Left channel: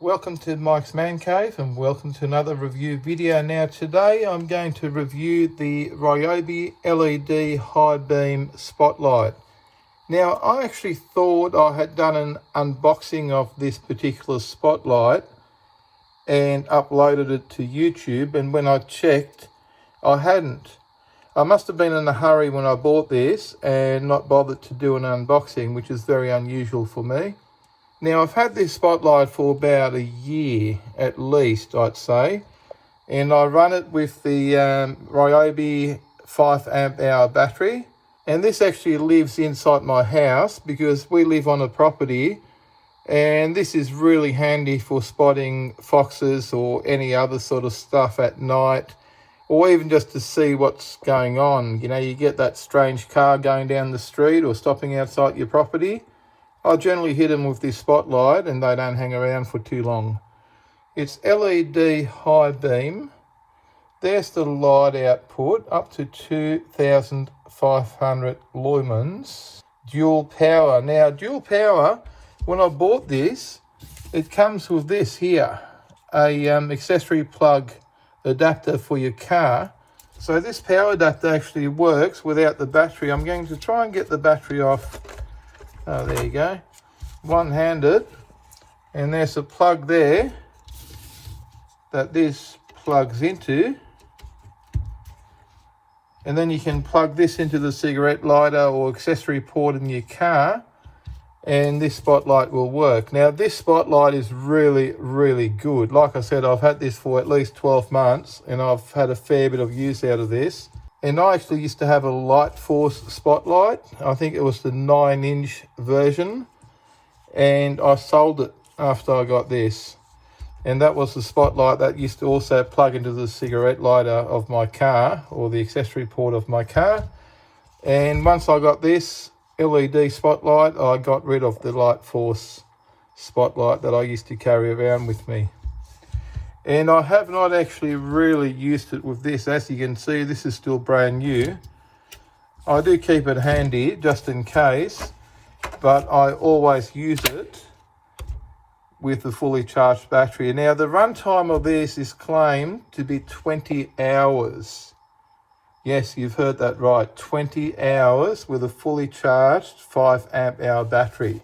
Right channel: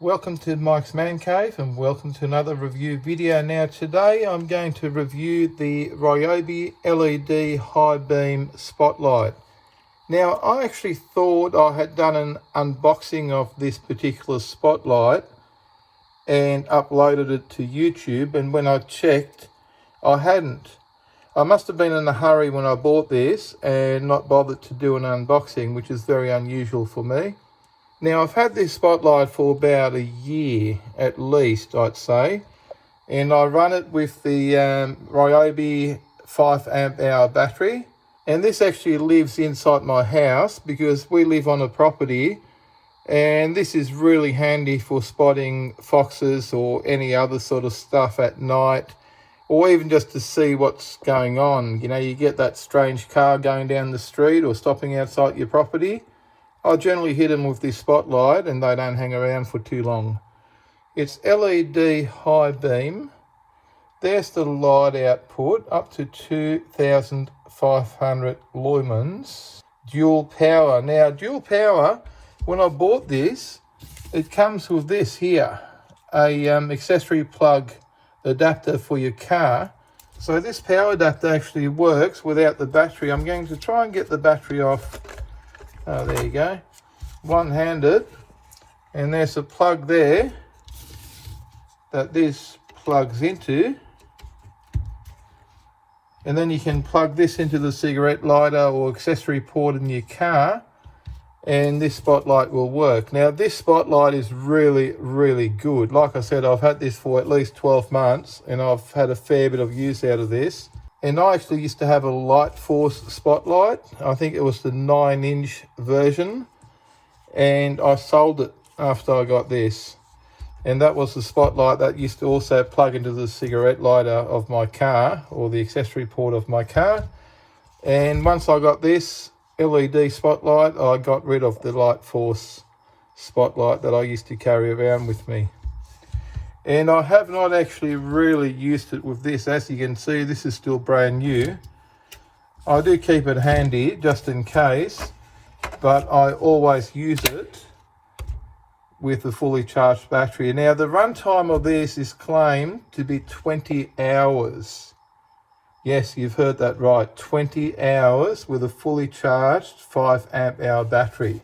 Welcome to Mike's Man Cave and welcome to another review video. Now today I'm going to review the Ryobi LED high beam spotlight. Now I actually thought I had done an unboxing of this particular spotlight and uploaded it to YouTube, and when I checked I hadn't. I must have been in a hurry when I bought this and not bothered to do an unboxing, which is very unusual for me. Now I've had this spotlight for about a year at least, I'd say, and I run it with the Ryobi 5 amp hour battery, and this actually lives inside my house because we live on a property, and this is really handy for spotting foxes or any other sort of stuff at night, or even just to see what's going on. You know, you get that strange car going down the street or stopping outside your property. I generally hit them with this spotlight and they don't hang around for too long. It's LED high beam. There's the light output, up to 2,500 lumens. Dual power. Now, dual power, when I bought this, it comes with this here, a accessory plug adapter for your car. So this power adapter actually works without the battery. I'm going to try and get the battery off. Oh, there you go, one-handed, and there's a plug there that this plugs into, and then you can plug this into the cigarette lighter or accessory port in your car and this spotlight will work. Now this spotlight is really good. Like I said, I've had this for at least 12 months and I've had a fair bit of use out of this. And I actually used to have a light force spotlight. I think it was the 9-inch version. And I sold it after I got this. And that was the spotlight that used to also plug into the cigarette lighter of my car, or the accessory port of my car. And once I got this LED spotlight, I got rid of the light force spotlight that I used to carry around with me. And I have not actually really used it with this. As you can see, this is still brand new. I do keep it handy just in case, but I always use it with a fully charged battery. Now the runtime of this is claimed to be 20 hours. Yes, you've heard that right, 20 hours with a fully charged 5 amp hour battery.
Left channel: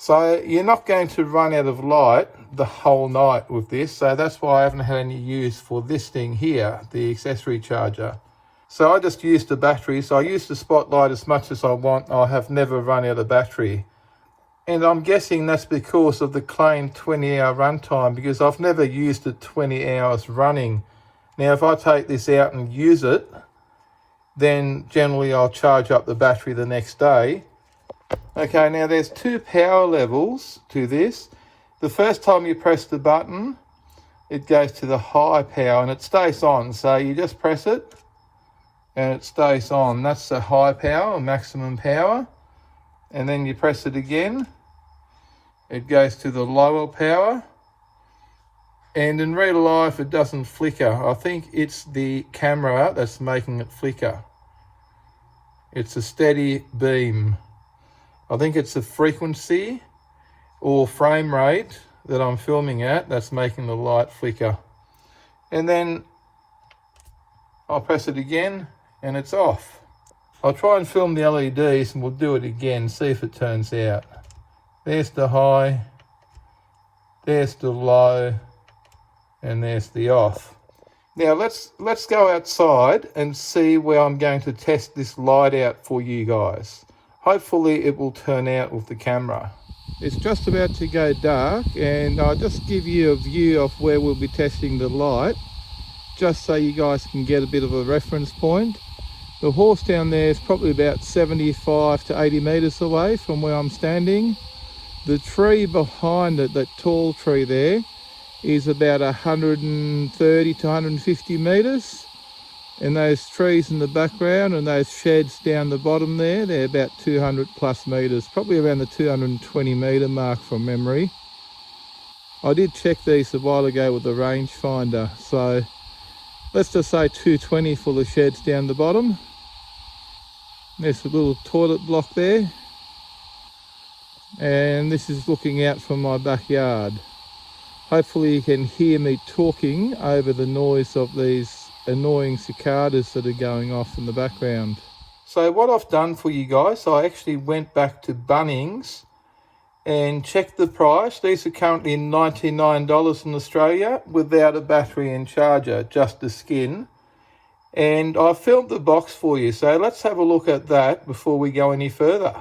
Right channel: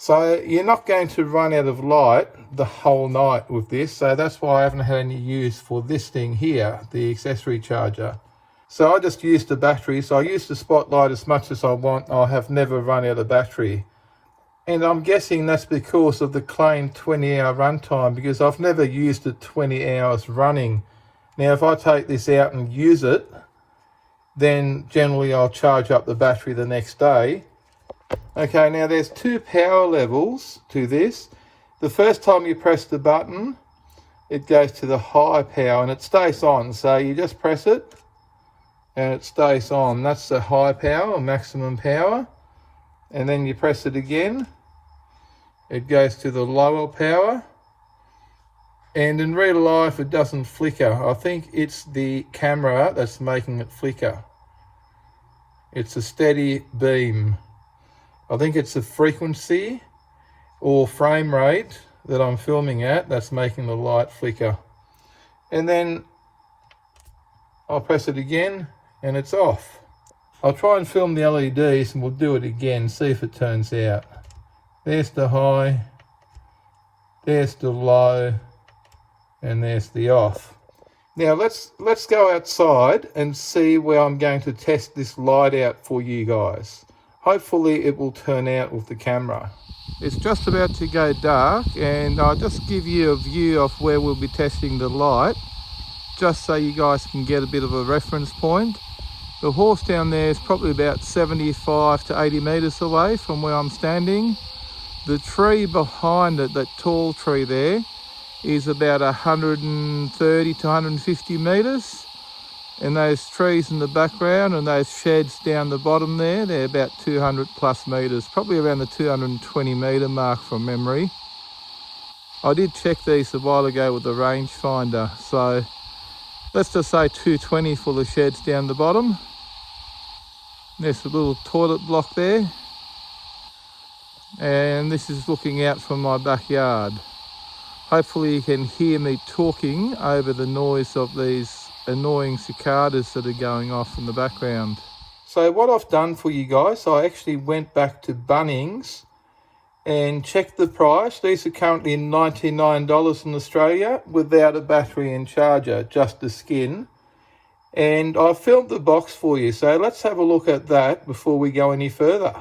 So you're not going to run out of light the whole night with this, so that's why I haven't had any use for this thing here, the accessory charger. So I just use the battery, so I use the spotlight as much as I want. I have never run out of battery. And I'm guessing that's because of the claimed 20-hour runtime, because I've never used it 20 hours running. Now if I take this out and use it, then generally I'll charge up the battery the next day. Okay, now there's two power levels to this. The first time you press the button, it goes to the high power and it stays on. So you just press it and it stays on. That's the high power, maximum power. And then you press it again, it goes to the lower power. And in real life, it doesn't flicker. I think it's the camera that's making it flicker. It's a steady beam. I think it's a frequency or frame rate that I'm filming at that's making the light flicker. And then I'll press it again and it's off. I'll try and film the LEDs and we'll do it again, see if it turns out. There's the high, there's the low, and there's the off. Now let's go outside and see where I'm going to test this light out for you guys. Hopefully it will turn out with the camera. It's just about to go dark and I'll just give you a view of where we'll be testing the light, just so you guys can get a bit of a reference point. The horse down there is probably about 75 to 80 meters away from where I'm standing. The tree behind it, that tall tree there, is about 130 to 150 meters. And those trees in the background and those sheds down the bottom there, they're about 200 plus meters, probably around the 220 meter mark from memory. I did check these a while ago with the rangefinder, so let's just say 220 for the sheds down the bottom. There's a little toilet block there. And this is looking out from my backyard. Hopefully you can hear me talking over the noise of these annoying cicadas that are going off in the background. So what I've done for you guys, I actually went back to Bunnings and checked the price. These are currently $99 in Australia without a battery and charger, just the skin. And I filled the box for you, so let's have a look at that before we go any further.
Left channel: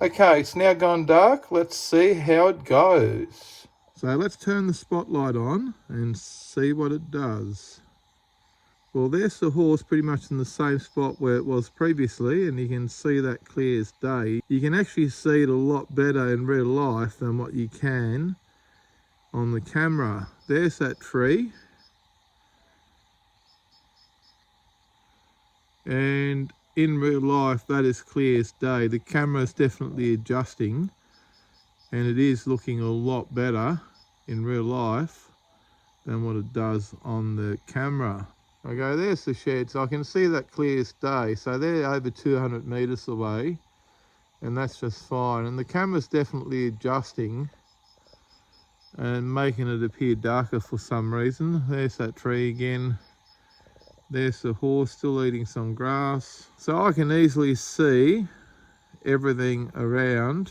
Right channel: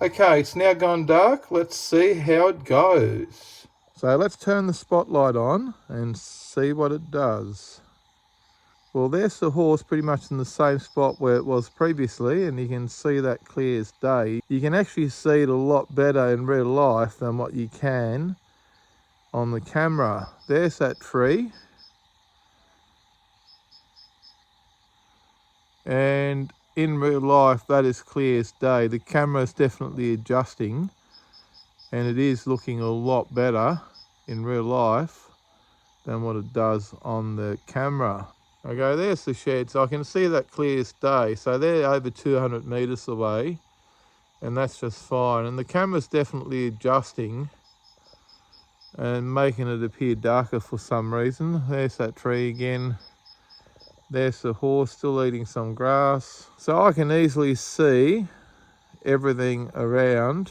Okay, it's now gone dark. Let's see how it goes. So let's turn the spotlight on and see what it does. Well, there's the horse pretty much in the same spot where it was previously, and you can see that clear as day. You can actually see it a lot better in real life than what you can on the camera. There's that tree. And in real life, that is clear as day. The camera is definitely adjusting, and it is looking a lot better in real life than what it does on the camera. Okay, there's the shed, so I can see that clear as day. So they're over 200 meters away, and that's just fine. And the camera's definitely adjusting and making it appear darker for some reason. There's that tree again. There's the horse still eating some grass. So I can easily see everything around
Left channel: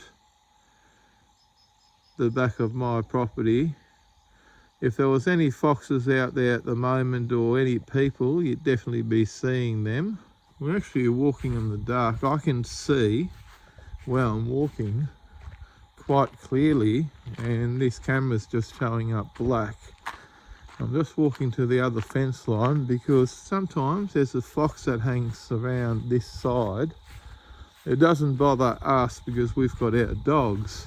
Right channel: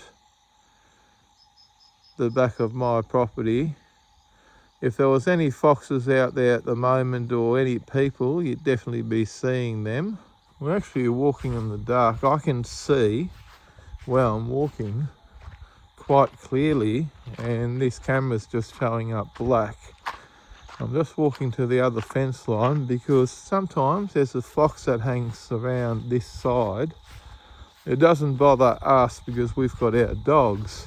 the back of my property. If there was any foxes out there at the moment or any people, you'd definitely be seeing them. We're actually walking in the dark. I can see where I'm walking quite clearly, and this camera's just showing up black. I'm just walking to the other fence line because sometimes there's a fox that hangs around this side. It doesn't bother us because we've got our dogs.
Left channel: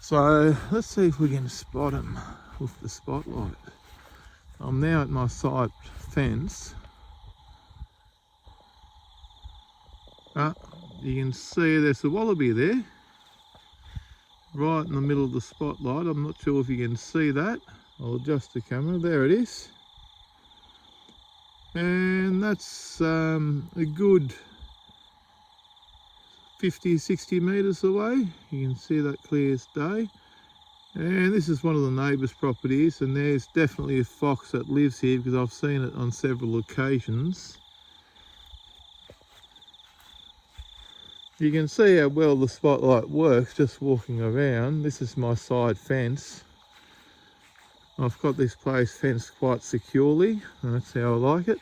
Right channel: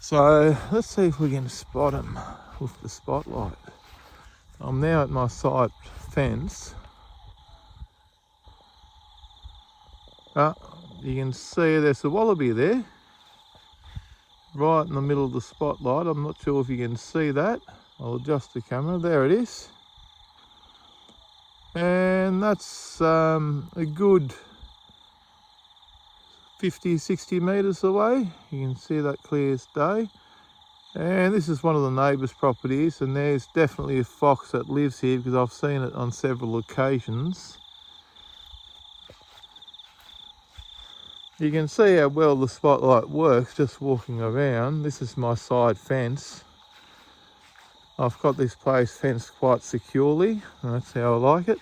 So let's see if we can spot him with the spotlight. I'm now at my side fence. You can see there's a wallaby there, right in the middle of the spotlight. I'm not sure if you can see that. I'll adjust the camera. There it is. And that's a good 50, 60 meters away. You can see that clear as day. And this is one of the neighbours' properties, and there's definitely a fox that lives here because I've seen it on several occasions. You can see how well the spotlight works just walking around. This is my side fence. I've got this place fenced quite securely, and that's how I like it.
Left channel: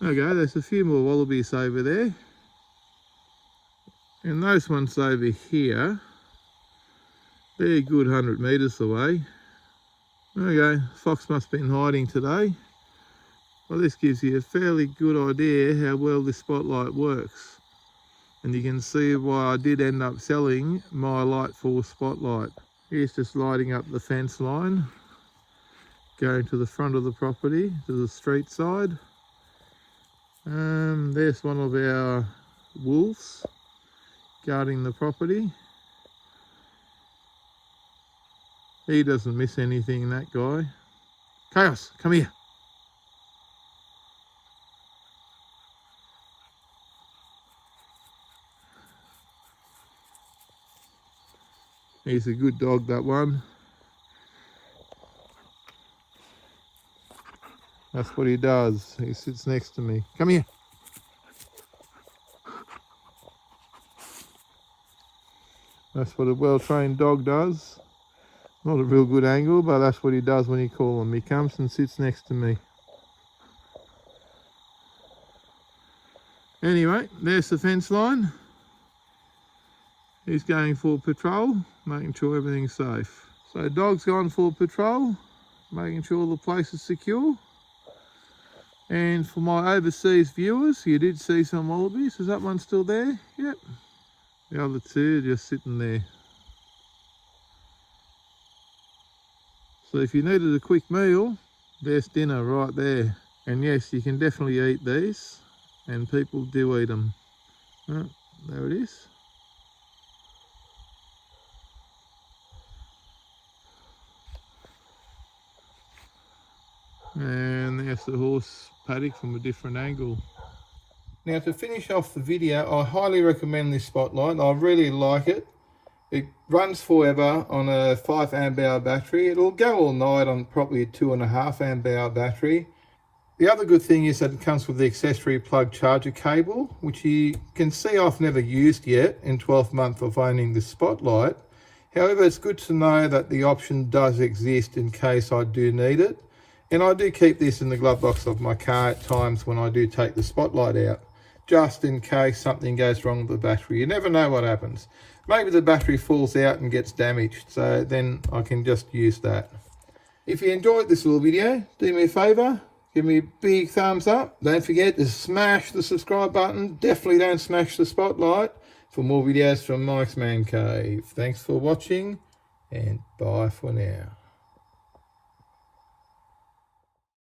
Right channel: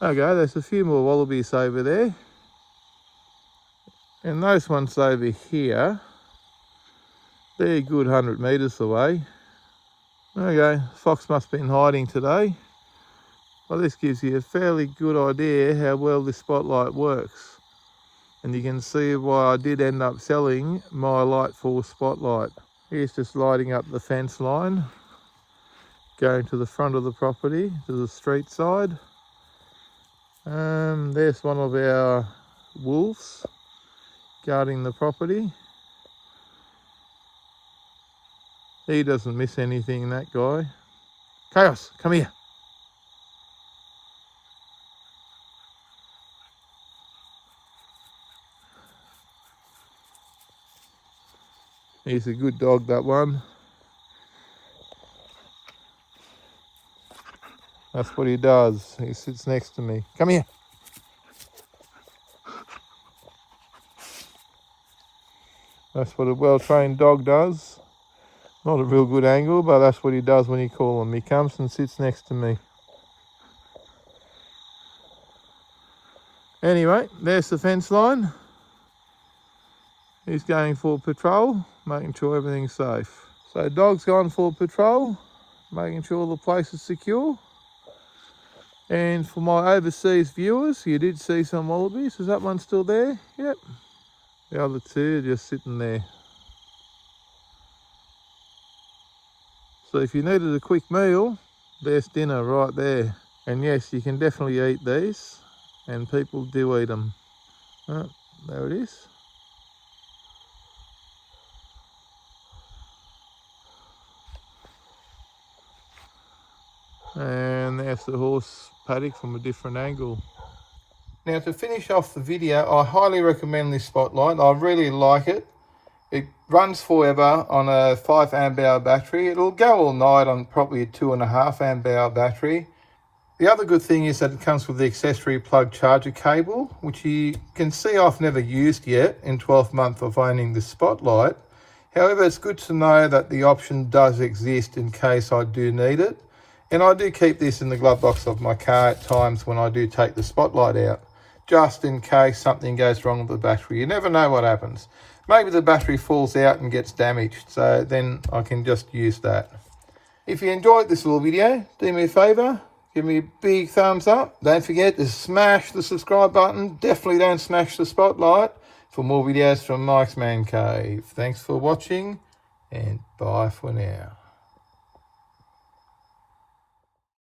Okay, there's a few more wallabies over there. And those ones over here, they're a good 100 meters away. Okay, fox must have been hiding today. Well, this gives you a fairly good idea how well this spotlight works. And you can see why I did end up selling my Lightfall spotlight. Here's just lighting up the fence line, going to the front of the property, to the street side. There's one of our wolves guarding the property. He doesn't miss anything, that guy. Chaos, come here. He's a good dog, that one. That's what he does. He sits next to me. Come here. That's what a well-trained dog does. Not a real good angle, but that's what he does when you call him. He comes and sits next to me. Anyway, there's the fence line. He's going for patrol, making sure everything's safe. So dog's gone for patrol, making sure the place is secure. And for my overseas viewers, you did see some wallabies. Is that one still there? Yep. The other two are just sitting there. So if you needed a quick meal, there's dinner right there. And yes, you can definitely eat these, and people do eat them. Oh, there it is. And there's the horse paddock from a different angle. Now, to finish off the video, I highly recommend this spotlight. I really like it. It runs forever on a 5 amp hour battery. It'll go all night on probably a 2.5 amp hour battery. The other good thing is that it comes with the accessory plug charger cable, which you can see I've never used yet in 12 months of owning this spotlight. However, it's good to know that the option does exist in case I do need it. And I do keep this in the glove box of my car at times when I do take the spotlight out, just in case something goes wrong with the battery. You never know what happens. Maybe the battery falls out and gets damaged, so then I can just use that. If you enjoyed this little video, do me a favour, give me a big thumbs up. Don't forget to smash the subscribe button. Definitely don't smash the spotlight for more videos from Mike's Man Cave. Thanks for watching, and bye for now.